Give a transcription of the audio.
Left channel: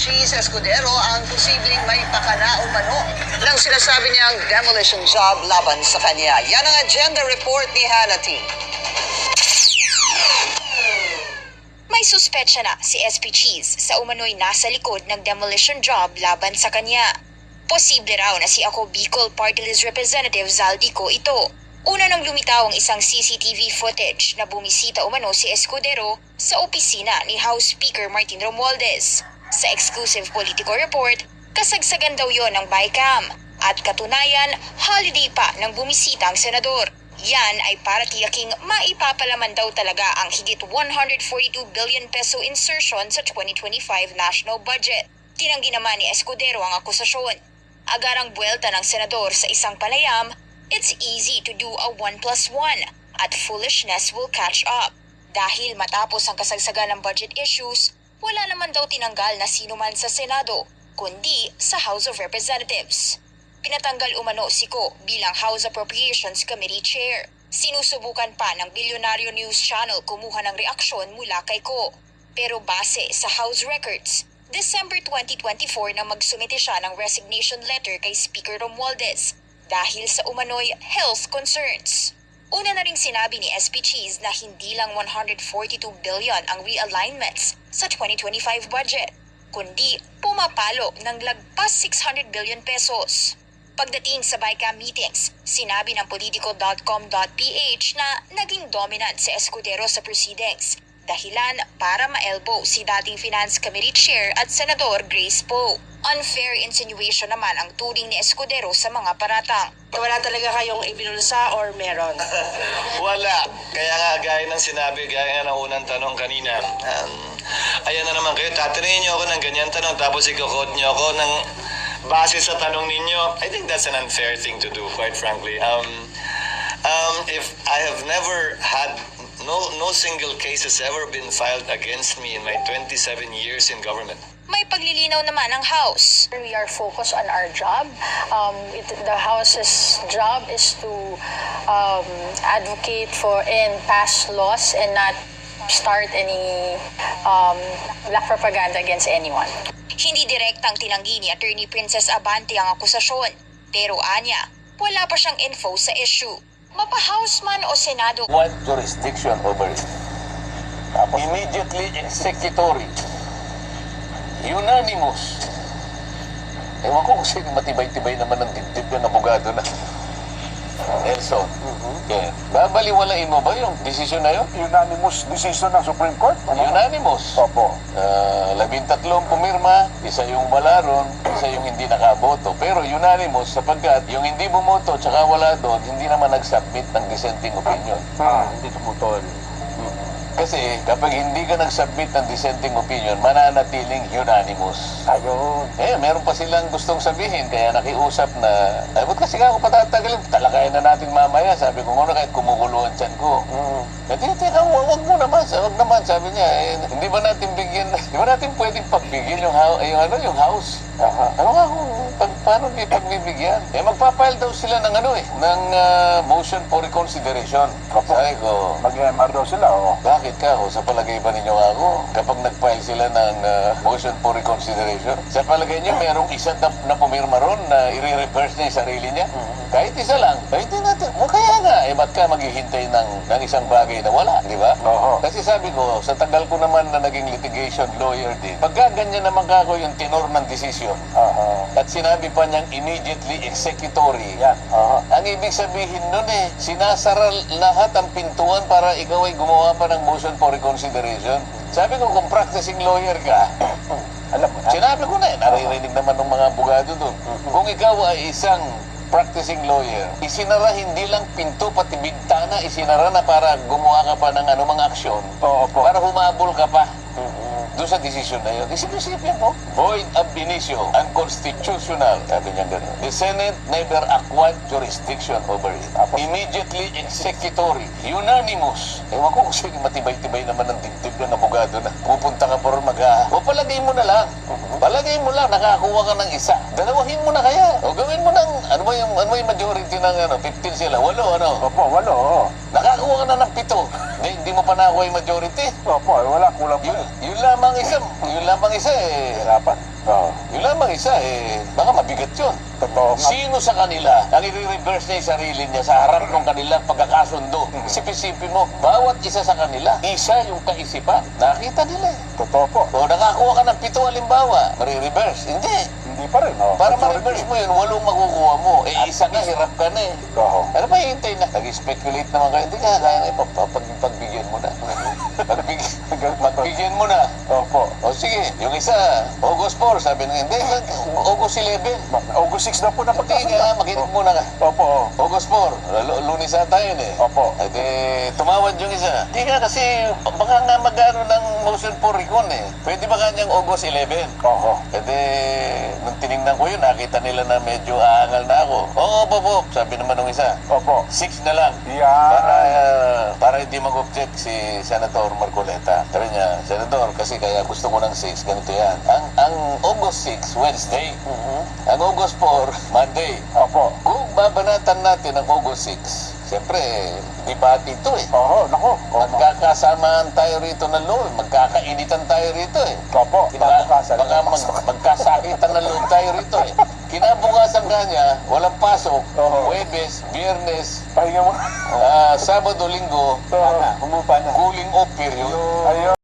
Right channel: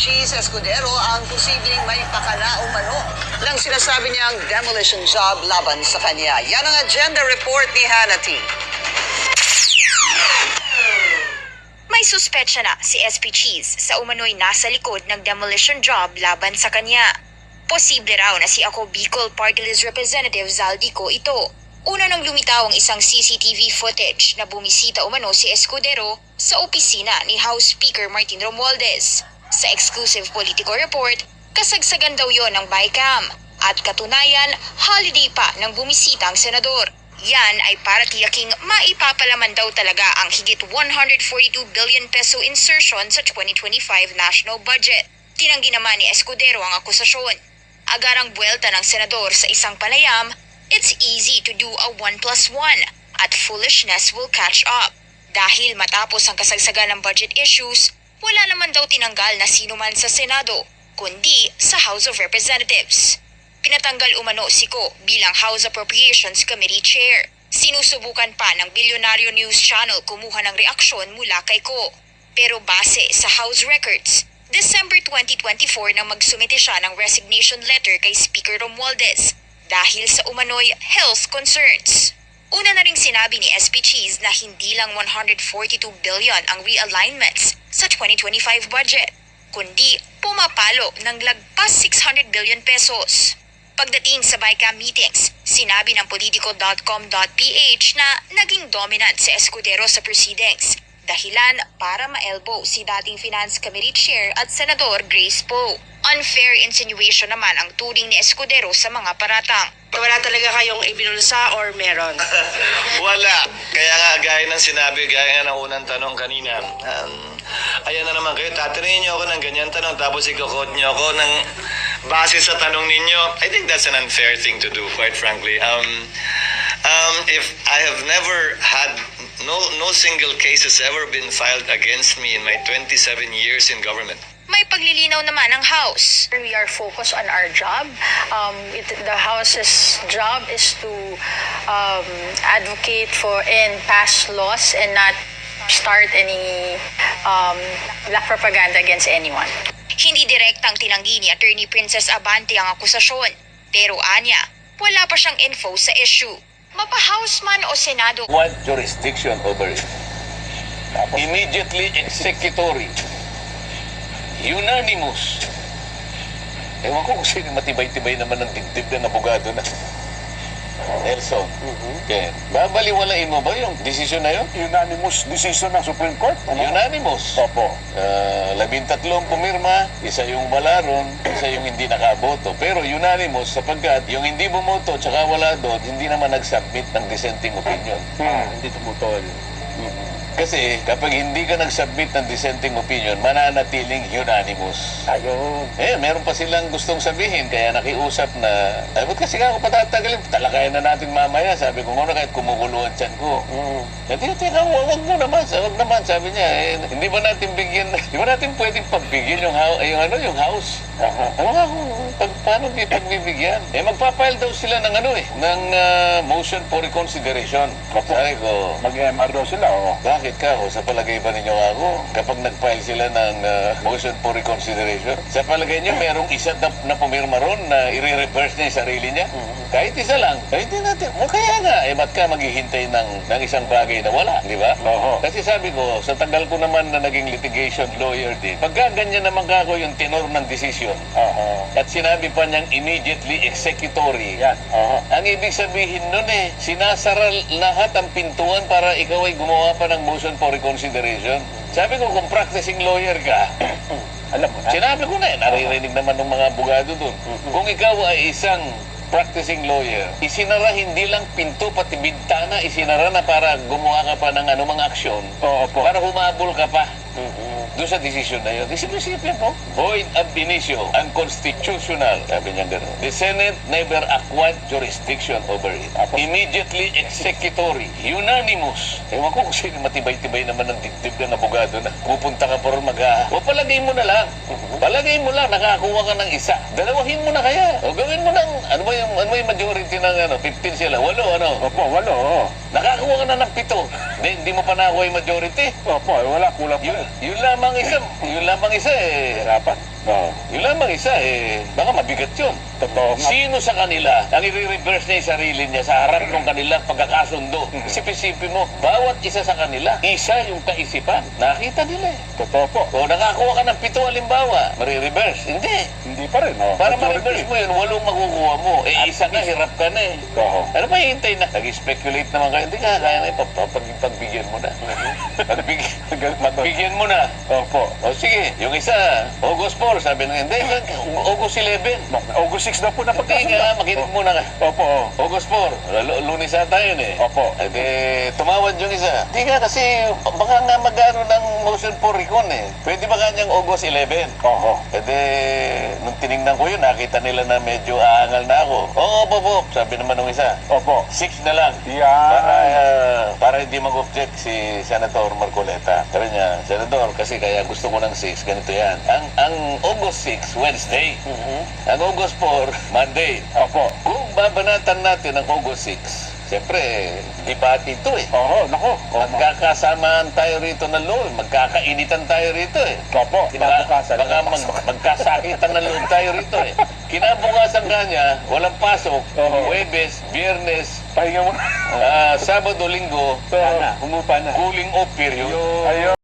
Cheese Escudero ang posibleng may pakana umano ng sinasabi niyang demolition job laban sa kanya. Yan ang agenda report ni Hannity. May suspetsya na si SP Cheese sa umano'y nasa likod ng demolition job laban sa kanya. Posible raw na si Ako Bicol Party List Representative Zaldico ito. Una nang lumitaw ang isang CCTV footage na bumisita umano si Escudero sa opisina ni House Speaker Martin Romualdez. Sa exclusive Politico report, kasagsagan daw yon ng bycam at katunayan holiday pa ng bumisita ang senador. Yan ay para tiyaking maipapalaman daw talaga ang higit 142 billion peso insertion sa 2025 national budget. Tinanggi naman ni Escudero ang akusasyon. Agarang buwelta ng senador sa isang panayam, it's easy to do a 1+1 at foolishness will catch up. Dahil matapos ang kasagsagan ng budget issues, wala naman daw tinanggal na sino man sa Senado, kundi sa House of Representatives. Pinatanggal umano si Ko bilang House Appropriations Committee Chair. Sinusubukan pa ng Bilyonaryo News Channel kumuha ng reaksyon mula kay Ko. Pero base sa House Records, December 2024 nang magsumite siya ng resignation letter kay Speaker Romualdez dahil sa umano'y health concerns. Una na ring sinabi ni SP Cheese na hindi lang 142 billion ang realignments sa 2025 budget, kundi pumapalo ng lagpas 600 billion pesos. Pagdating sa BICAM meetings, sinabi ng politico.com.ph na naging dominant si Escudero sa proceedings, dahilan para ma-elbow si dating Finance Committee Chair at Senador Grace Poe. Unfair insinuation naman ang turing ni Escudero sa mga paratang. Wala talaga kayong ibinulsa or meron? Wala. Kaya nga, gaya ng sinabi, gaya nga ng unang tanong kanina, ayan na naman kayo, tatanungin niyo ako ng ganyan tanong, tapos i-quote niyo ako ng base sa tanong ninyo. I think that's an unfair thing to do, quite frankly. If I have never had, no single case has ever been filed against me in my 27 years in government. May paglilinaw naman ang House. We are focused on our job. The House's job is to advocate for and pass laws and not start any black propaganda against anyone. Hindi direktang tinanggi ni Attorney Princess Abante ang akusasyon. Pero anya, wala pa siyang info sa issue. Mapa-House man o Senado. What jurisdiction over it? Immediately executory. Unanimous. Ewan ko kung sino matibay-tibay naman ng dibdib ng abogado na. Nelson. Okay. Babaliwalain mo ba yung desisyon na yun? Unanimous decision ng Supreme Court? Unanimous. Opo. 13 pumirma, isa yung wala ron, isa yung hindi nakaboto. Pero unanimous sapagkat yung hindi bumoto at saka wala doon, hindi naman nag-submit ng dissenting opinion. Hindi tumutol. Kasi kapag hindi ka nag-submit ng dissenting opinion, mananatiling unanimous. Ayun. Meron pa silang gustong sabihin, kaya nakiusap na, ay, ba't kasi ako patatagalin? Talakayan na natin mamaya. Sabi ko, ano kahit kumukulo ang tiyan ko. Teka, wag mo naman. Wag naman, sabi niya. Hindi ba natin bigyan, hindi ba natin pwedeng pagbigyan yung house? Ano nga kung paano di pagbibigyan? Magpapile daw sila ng ng motion for reconsideration. Sabi ko, Mag-MR daw sila, oh. bakit ka? O sa palagay ba ninyo ako? Kapag nag-file sila ng motion for reconsideration, sa palagay niyo merong isa na pumirma ron na i-reverse niya yung sarili niya? Kahit isa lang. Hindi natin. O kaya nga, ba't ka maghihintay ng isang bagay na wala? Di ba? Oo. Kasi sabi ko, sa tagal ko naman na naging litigation lawyer din, pagka ganyan naman kako yung tenor ng decision, at sinabi pa niyang immediately executory, Yan. ang ibig sabihin nun sinasara lahat ang pintuan para ikaw ay gumawa pa ng motion for reconsideration. Sabi ko, kung practicing lawyer ka, Alam mo na. sinabi ko na naririnig naman ng mga abogado doon. Kung ikaw ay isang practicing lawyer, isinara hindi lang pinto, pati bintana, isinara na para gumawa ka pa ng anumang aksyon, para humabol ka pa. Doon sa decision na yun. Isipin mo, void ab initio, unconstitutional. Sabi niya gano'n. The Senate never acquired jurisdiction over it. Immediately executory, unanimous. Ewan ko kung sino matibay-tibay naman ng dibdib ng abogado na pupunta ka pa rin o palagay mo na lang. Palagay mo lang, nakakuha ka ng isa. Dalawahin mo na kaya. O gawin mo ng, ano ba yung majority ng 15 sila? 8, Opo, walo, oh. Nakakuha ka na ng 7. Hindi mo pa nakuha yung majority. Opo, wala, kulang pa. Yun lamang lamang isa eh. Hirapan. Oo. Yun lamang isa eh. Baka mabigat yun. Totoo nga. Sino sa kanila ang i-reverse niya yung sarili niya sa harap ng kanilang pagkakasundo? Isip-isipin mo, bawat isa sa kanila, isa yung kaisipan. Nakita nila eh. Totoo po. O nakakuha ka ng 7 halimbawa, marireverse. Hindi. Hindi pa rin, oh. Para ma-reverse mo yun, 8 makukuha mo. Eh, isa na, hirap ka na eh. Oo. Ano ba hihintay na? Nag-speculate naman kayo. Hindi ka, kaya na pagbigyan mo na. Pagbigyan mo na. Opo. O sige, yung isa, August 4, sabi na hindi, August 11. August 6 na po na Hindi nga, makinig muna ka. Opo, oh. August 4, Lunes ata yun eh. Opo. At tumawad yung isa. Hindi nga kasi, baka nga mag-ano ng motion for recall eh. Pwede ba kanyang August 11? Oo. Nung tinignan ko yun, nakita nila na medyo aangal na ako. Oo, opo, sabi naman ng isa. Opo. 6 na lang. Yan. Para hindi mag-object si Senator Marcoleta. Sabi niya, Senator, kasi kaya gusto ko ng 6, ganito yan. Ang August 6, Wednesday. Ang August 4, Monday. Opo. Kung babanatan natin ang August 6, siyempre, debate ito eh. Oo, nako. Magkakasamaan tayo rito ng loob, magkakainitan tayo rito eh. Opo. Kinabukasan. Baka magkasakitan ng loob tayo rito eh. Kinabukasan kanya, walang pasok, Oo. Huwebes, Biyernes, Pahinga mo. Sabado, Linggo, Sana. Humupa na. cooling off period. Ayun.